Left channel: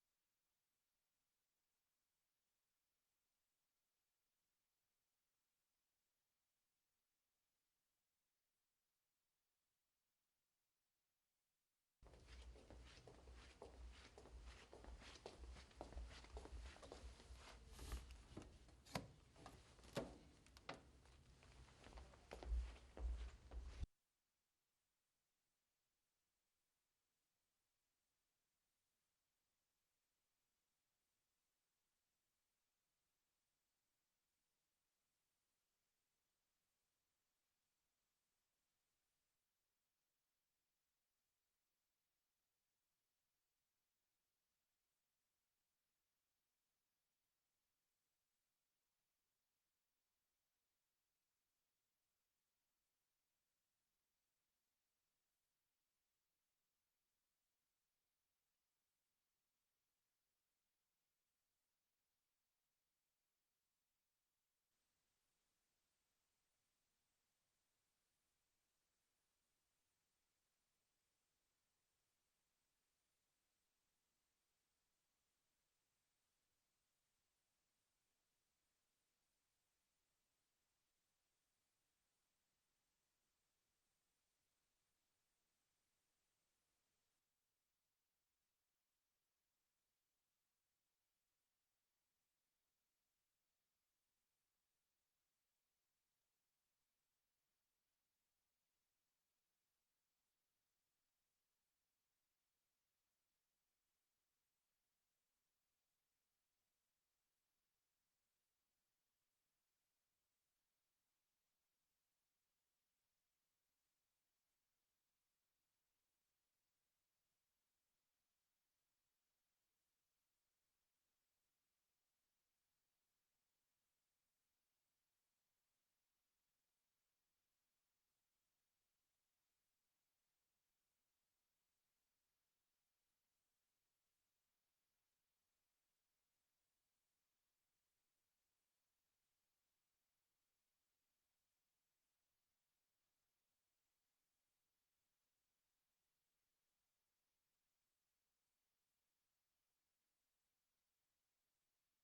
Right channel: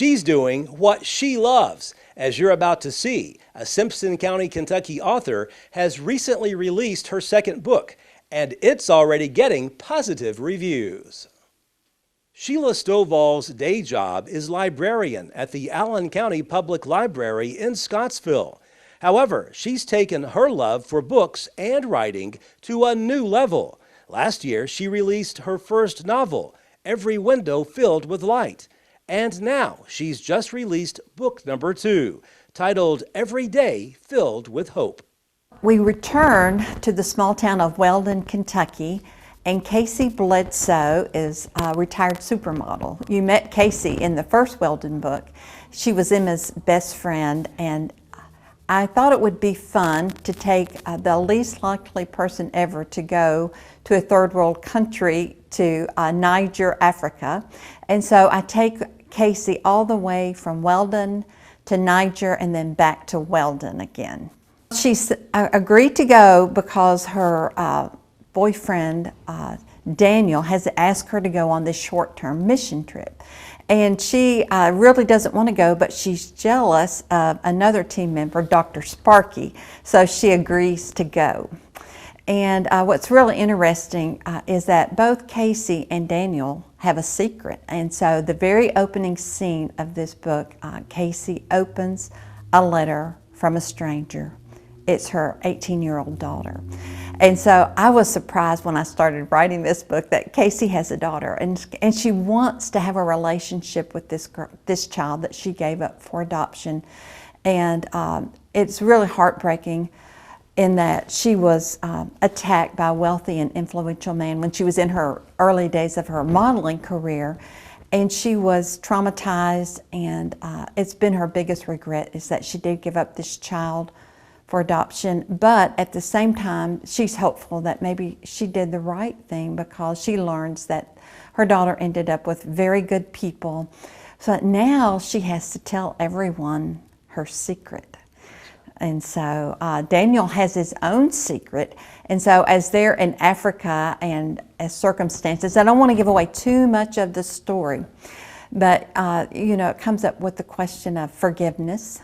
She's doing what she loves. As you're about to see, a Simpson County, Kentucky author has recently released her second book, and it's already getting positive reviews. Shelia Stovall's day job is librarian at the Allen County Public Library in Scottsville. However, she's taken her love for books and writing to a new level. Last year, she released her first novel, Every Window Filled with Light. And now she's just released book number 2, titled Every Day Filled with Hope. We returned to the small town of Weldon, Kentucky, and Casey Bledsoe is a retired supermodel. You met Casey in the first Weldon book. She was Emma's best friend, and I thought it would be fun to take the least likely person ever to go to a third world country, to Niger, Africa. And so I take Casey all the way from Weldon to Niger and then back to Weldon again. She agreed to go because her boyfriend, Daniel, has asked her to go on this short-term mission trip. And she really doesn't want to go, but she's jealous of another team member, Dr. Sparky, so she agrees to go. And what's really interesting is that both Casey and Daniel have a secret. And so the very opening scene of this book, Casey opens a letter from a stranger. It's her 18-year-old daughter. And so I was surprised when I started writing this book that Casey has a daughter, and she wants to have a relationship with this child that she gave up for adoption. And it's really heartbreaking in that she was attacked by a wealthy and influential man when she was in her early days of her modeling career. And she was traumatized, and it's been her biggest regret is that she did give up this child for adoption. But at the same time, she's hopeful that maybe she did the right thing because she learns that her daughter ended up with very good people. So now she has to tell everyone her secret. And so Daniel has his own secret. And so as they're in Africa and as circumstances, I don't want to give away too much of the story, but you know, it comes up with the question of forgiveness.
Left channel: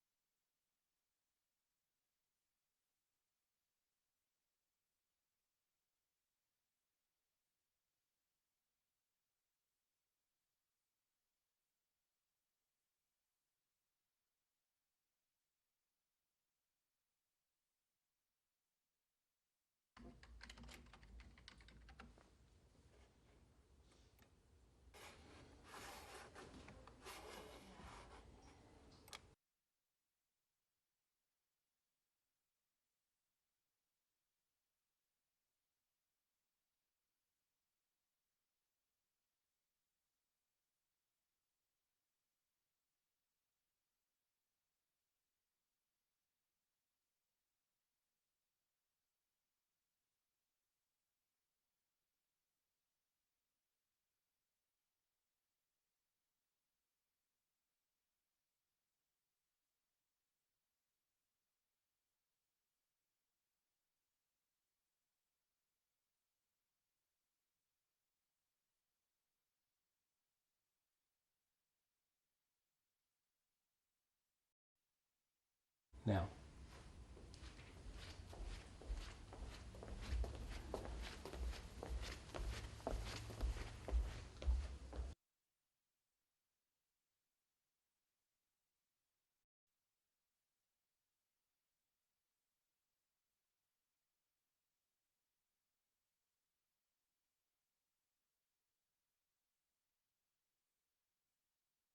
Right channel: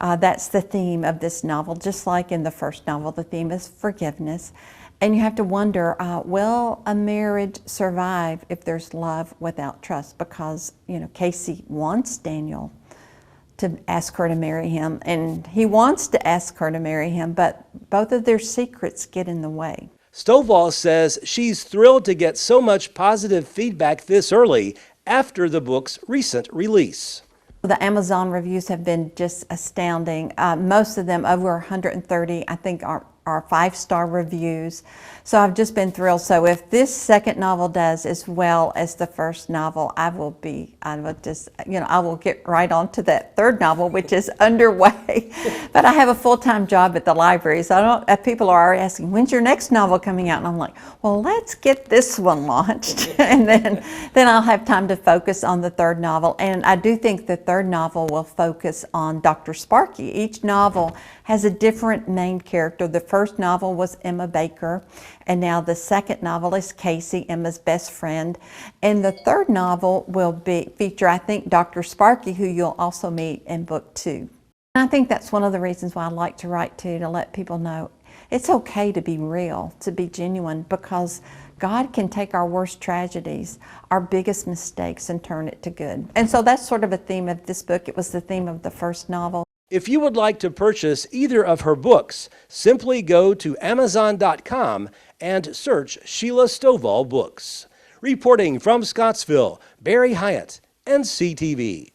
That's the theme of this novel. Just like in the first novel, the theme is forgiveness. And you have to wonder, will a marriage survive if there's love without trust? Because, you know, Casey wants Daniel to ask her to marry him, and he wants to ask her to marry him, but both of their secrets get in the way. Stovall says she's thrilled to get so much positive feedback this early after the book's recent release. The Amazon reviews have been just astounding. Most of them, over 130, I think are 5-star reviews. So I've just been thrilled. So if this second novel does as well as the first novel, I will get right on to that third novel, which is underway. But I have a full-time job at the library, so people are already asking, when's your next novel coming out? And I'm like, well, let's get this one launched. And then I'll have time to focus on the third novel. And I do think the third novel will focus on Dr. Sparky. Each novel has a different main character. The first novel was Emma Baker, and now the second novel is Casey, Emma's best friend. And the third novel will feature, I think, Dr. Sparky, who you'll also meet in book 2. And I think that's one of the reasons why I like to write too, to let people know it's okay to be real, to be genuine, because God can take our worst tragedies, our biggest mistakes, and turn it to good. And so that's sort of a theme of this book. It was the theme of the first novel. If you would like to purchase either of her books, simply go to Amazon.com and search Shelia Stovall Books. Reporting from Scottsville, Barry Hyatt, NCTV.